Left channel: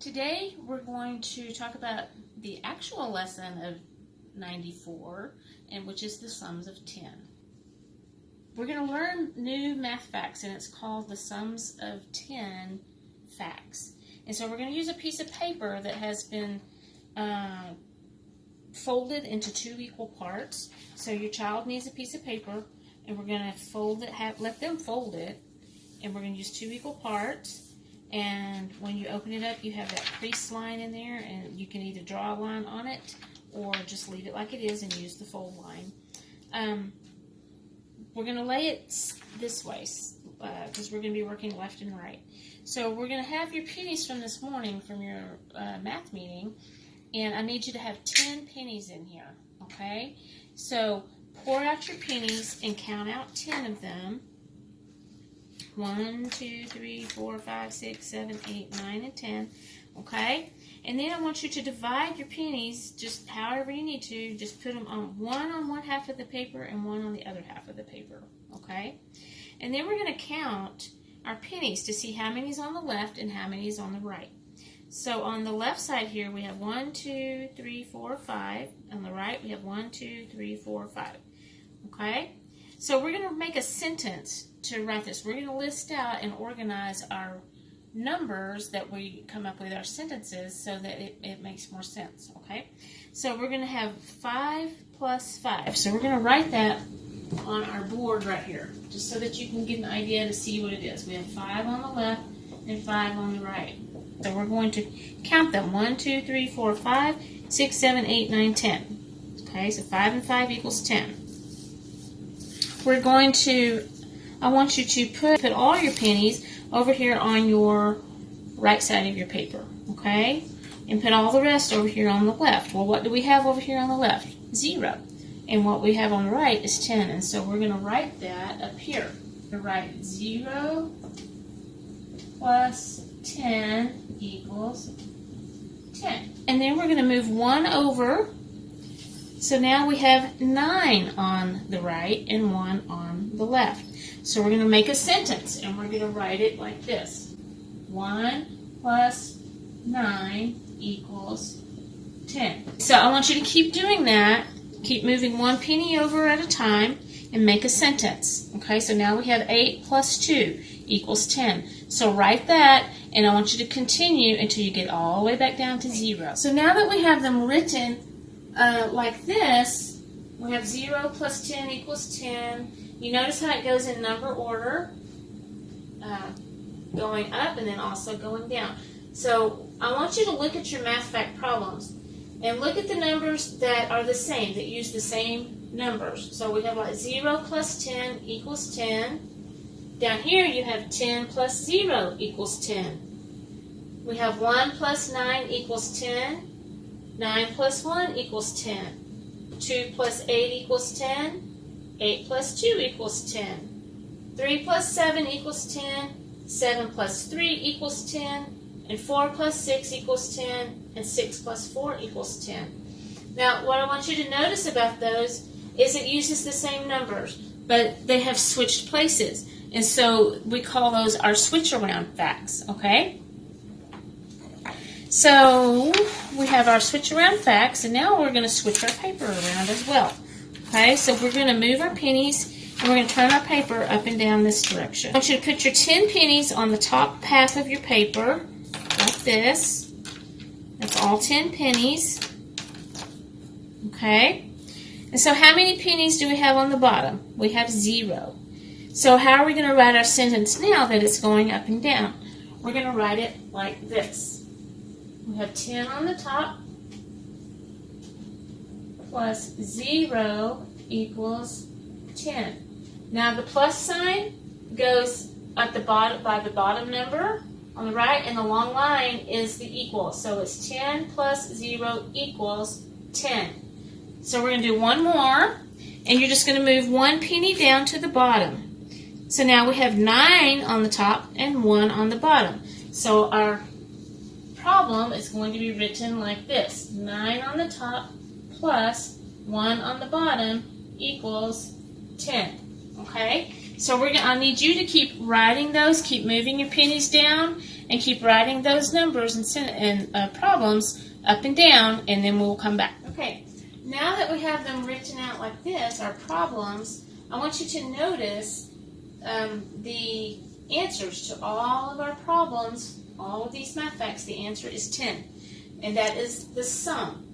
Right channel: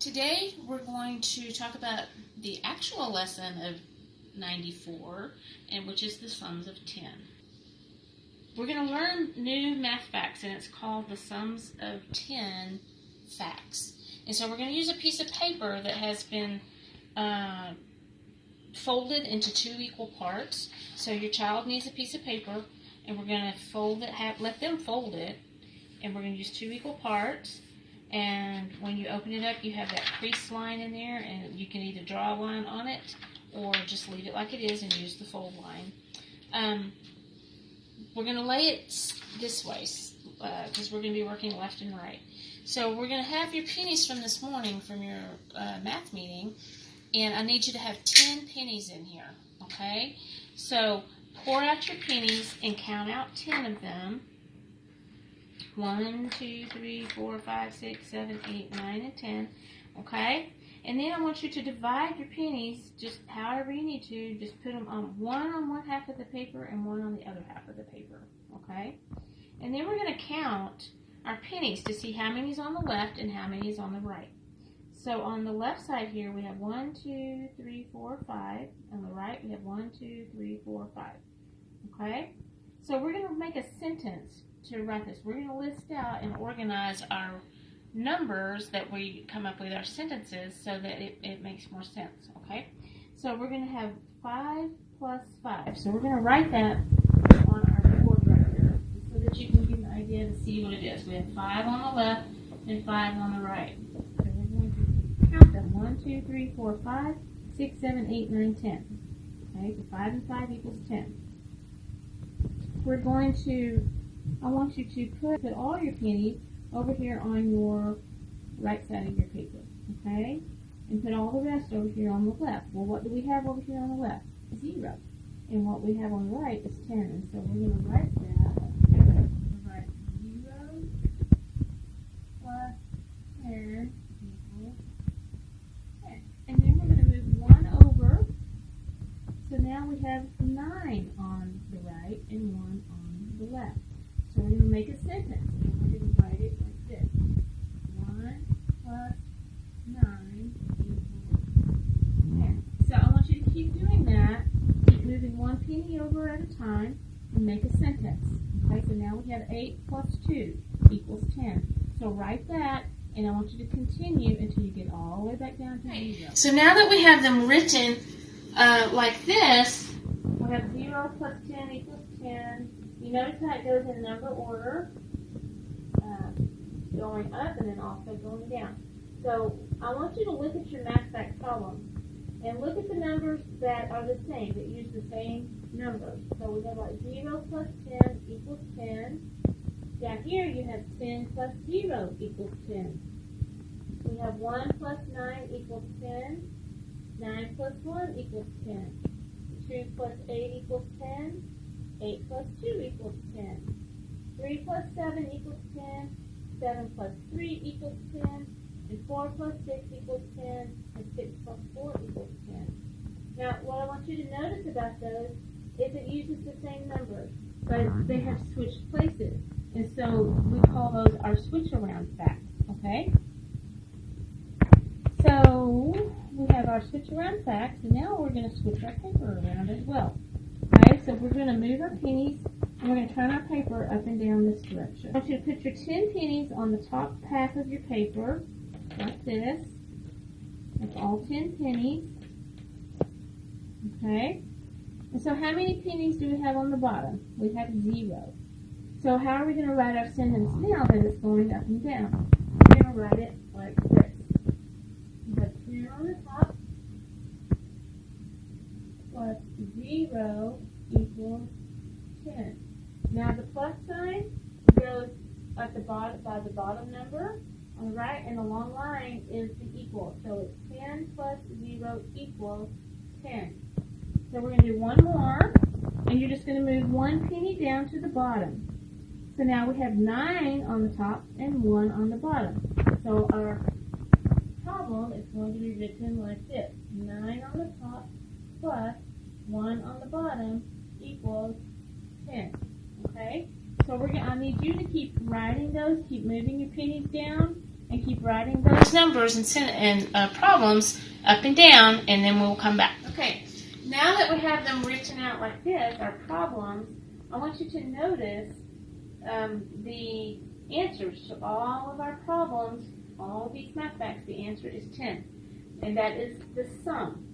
Today we're going to talk about the actual lesson of 94, and which is the sums of 10. We're going to learn new math facts, and it's called the sums of 10 facts. And so we're going to use a piece of paper that has been folded into two equal parts. So your child needs a piece of paper, and we're going to fold it, let them fold it, and we're going to use two equal parts. And when you open it up, you have that crease line in there, and you can either draw a line on it or just leave it like it is and use the fold line. We're going to lay it this way because we're going to be working left and right. So we're going to have your pennies from this morning from your math meeting, and I need you to have 10 pennies in here, okay? So pour out your pennies and count out 10 of them. 1, 2, 3, 4, 5, 6, 7, 8, 9, and 10. Okay? And then I want you to divide your pennies just however you need to. Just put them on one half of the paper and one on the other half of the paper. Okay? And then we're going to count our pennies to see how many is on the left and how many is on the right. So on the left side here we have 1, 2, 3, 4, 5. On the right we have 1, 2, 3, 4, 5. Okay? So we're going to make a sentence to write this. We're going to list out and organize our numbers that we come up with our sentences so that it makes more sense, okay? So we're going to have 5 plus 5. So we're going to write that on our board right here, just so that you can get an idea to see what it is. We have 5 on the left and 5 on the right. So we're going to count them. 1, 2, 3, 4, 5, 6, 7, 8, 9, 10. Okay, so 5 and 5 equals 10. We're going to, I want you to put all your pennies over here on your right side of your paper, okay? And put all the rest over here on the left. Well, what do we have over here on the left? 0. And what we have on the right is 10. And so we're going to write that up here. We're going to write 0 plus 10 equals 10. And then we're going to move 1 over. So now we have 9 on the right and 1 on the left. So we're going to make a sentence, and we're going to write it like this. 1 plus 9 equals 10. So I want you to keep doing that. Keep moving one penny over at a time and make a sentence. Okay, so now we have 8 plus 2 equals 10. So write that, and I want you to continue until you get all the way back down to 0. So now that we have them written like this, we have 0 plus 10 equals 10. You notice how it goes in number order, going up and then also going down. So I want you to look at your math fact problems and look at the numbers that are the same, that use the same numbers. So we have like 0 plus 10 equals 10. Down here you have 10 plus 0 equals 10. We have 1 plus 9 equals 10. 9 plus 1 equals 10. 2 plus 8 equals 10. 8 plus 2 equals 10. 3 plus 7 equals 10. 7 plus 3 equals 10. And 4 plus 6 equals 10. And 6 plus 4 equals 10. Now, what I want you to notice about those is it uses the same numbers, but they have switched places. And so we call those our switch around facts, okay? So we have our switch around facts, and now we're going to switch our paper around as well. Okay, so we're going to move our pennies, and we're going to turn our paper up and down this direction. I want you to put your 10 pennies on the top half of your paper, like this. That's all 10 pennies. Okay, and so how many pennies do we have on the bottom? We have 0. So how are we going to write our sentence now that it's going up and down? We're going to write it like this. We have 10 on the top plus 0 equals 10. Now the plus sign goes at the bottom by the bottom number on the right, and the long line is the equal. So it's 10 plus 0 equals 10. So we're going to do one more, and you're just going to move one penny down to the bottom. So now we have 9 on the top and 1 on the bottom. So our problem is going to be written like this. 9 on the top plus 1 on the bottom equals 10. Okay? So I need you to keep writing those, keep moving your pennies down, and keep writing those numbers and problems up and down, and then we'll come back. Okay, now that we have them written out like this, our problems, I want you to notice the answers to all of our problems, all of these math facts. The answer is 10, and that is the sum.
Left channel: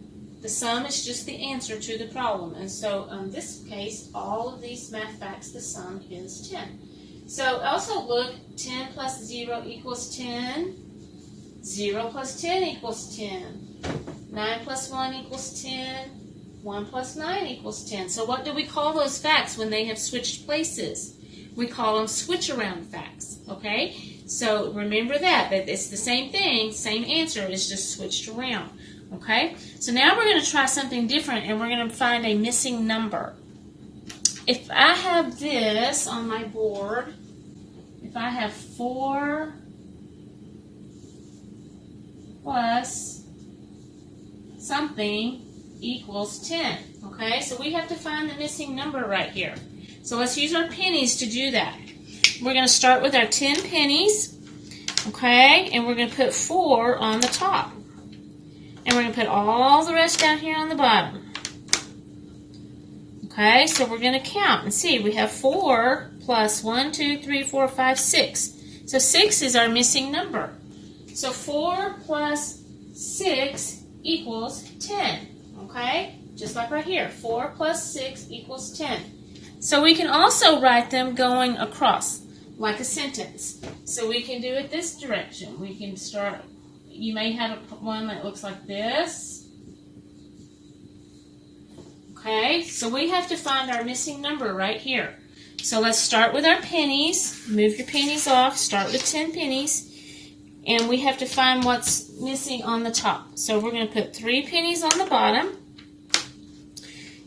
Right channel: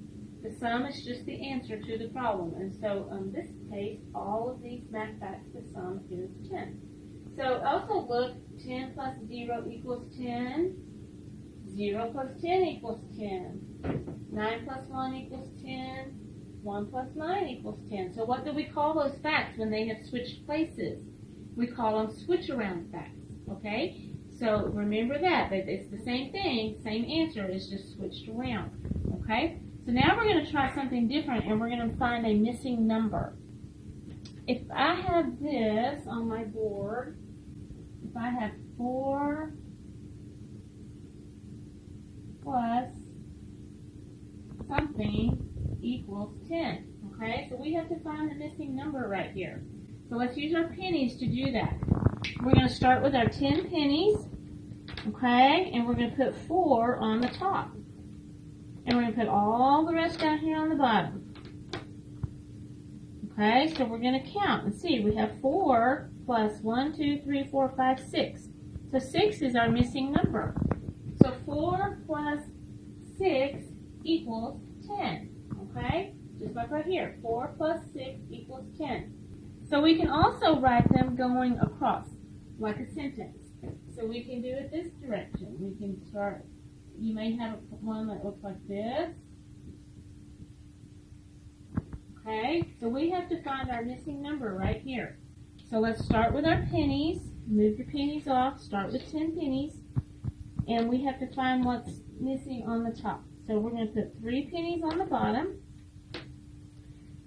The sum is just the answer to the problem, and so in this case, all of these math facts, the sum is 10. So also look, 10 plus 0 equals 10, 0 plus 10 equals 10, 9 plus 1 equals 10, 1 plus 9 equals 10. So what do we call those facts when they have switched places? We call them switch around facts, okay? So remember that it's the same thing, same answer, it's just switched around, okay? So now we're going to try something different, and we're going to find a missing number. If I have this on my board, if I have 4 plus something equals 10, okay? So we have to find the missing number right here. So let's use our pennies to do that. We're going to start with our 10 pennies, okay? And we're going to put 4 on the top. And we're going to put all the rest down here on the bottom. Okay, so we're going to count and see. We have 4 plus 1, 2, 3, 4, 5, 6. So 6 is our missing number. So 4 plus 6 equals 10. Okay, just like right here. 4 plus 6 equals 10. So we can also write them going across, like a sentence. So we can do it this direction. We can start, you may have one that looks like this. Okay, so we have to find our missing number right here. So let's start with our pennies. Move your pennies off. Start with 10 pennies. And we have to find what's missing on the top. So we're going to put 3 pennies on the bottom.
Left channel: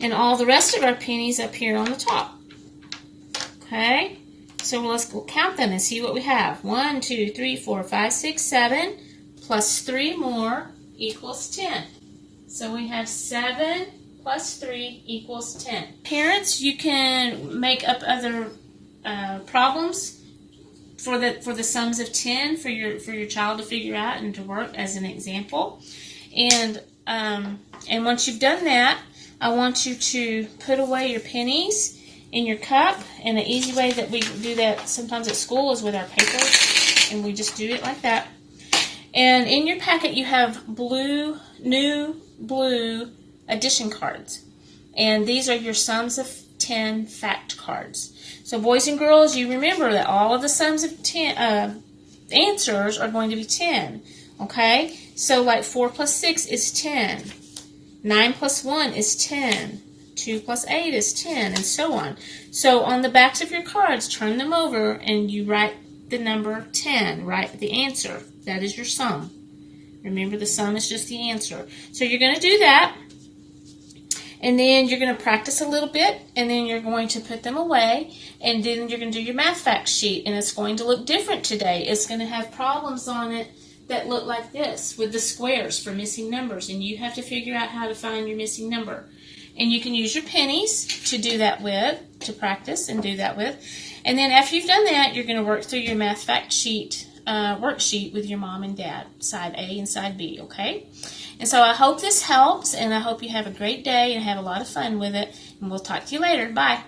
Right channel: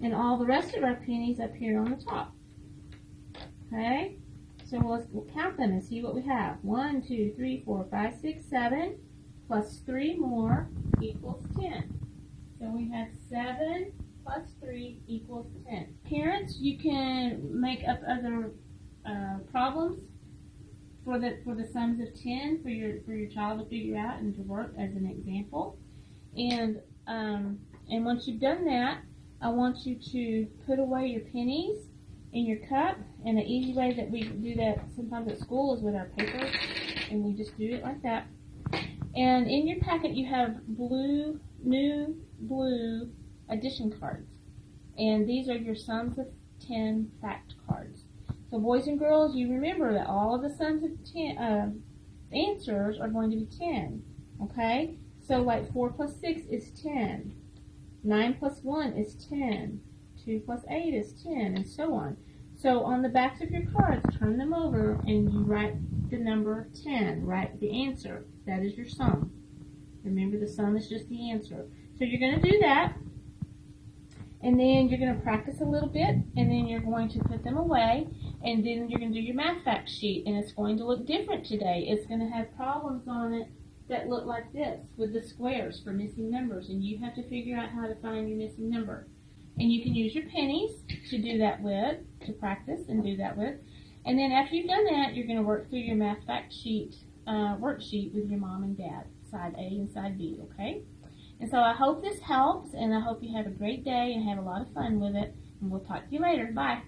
And all the rest of our pennies up here on the top. Okay, so let's go count them and see what we have. 1, 2, 3, 4, 5, 6, 7, plus 3 more equals 10. So we have 7 plus 3 equals 10. Parents, you can make up other problems for the sums of 10 for your child to figure out and to work as an example. And once you've done that, I want you to put away your pennies in your cup. And an easy way that we do that sometimes at school is with our paper. And we just do it like that. And in your packet you have new blue addition cards. And these are your sums of 10 fact cards. So boys and girls, you remember that all of the sums of 10 answers are going to be 10. Okay? So like 4 plus 6 is 10. 9 plus 1 is 10. 2 plus 8 is 10, and so on. So on the backs of your cards, turn them over and you write the number 10. Write the answer. That is your sum. Remember, the sum is just the answer. So you're going to do that, and then you're going to practice a little bit, and then you're going to put them away, and then you're going to do your math fact sheet, and it's going to look different today. It's going to have problems on it that look like this with the squares for missing numbers, and you have to figure out how to find your missing number. And you can use your pennies to do that with, to practice and do that with. And then after you've done that, you're going to work through your math fact sheet worksheet with your mom and dad, side A and side B, okay? And so I hope this helps, and I hope you have a great day and have a lot of fun with it. And we'll talk to you later. Bye.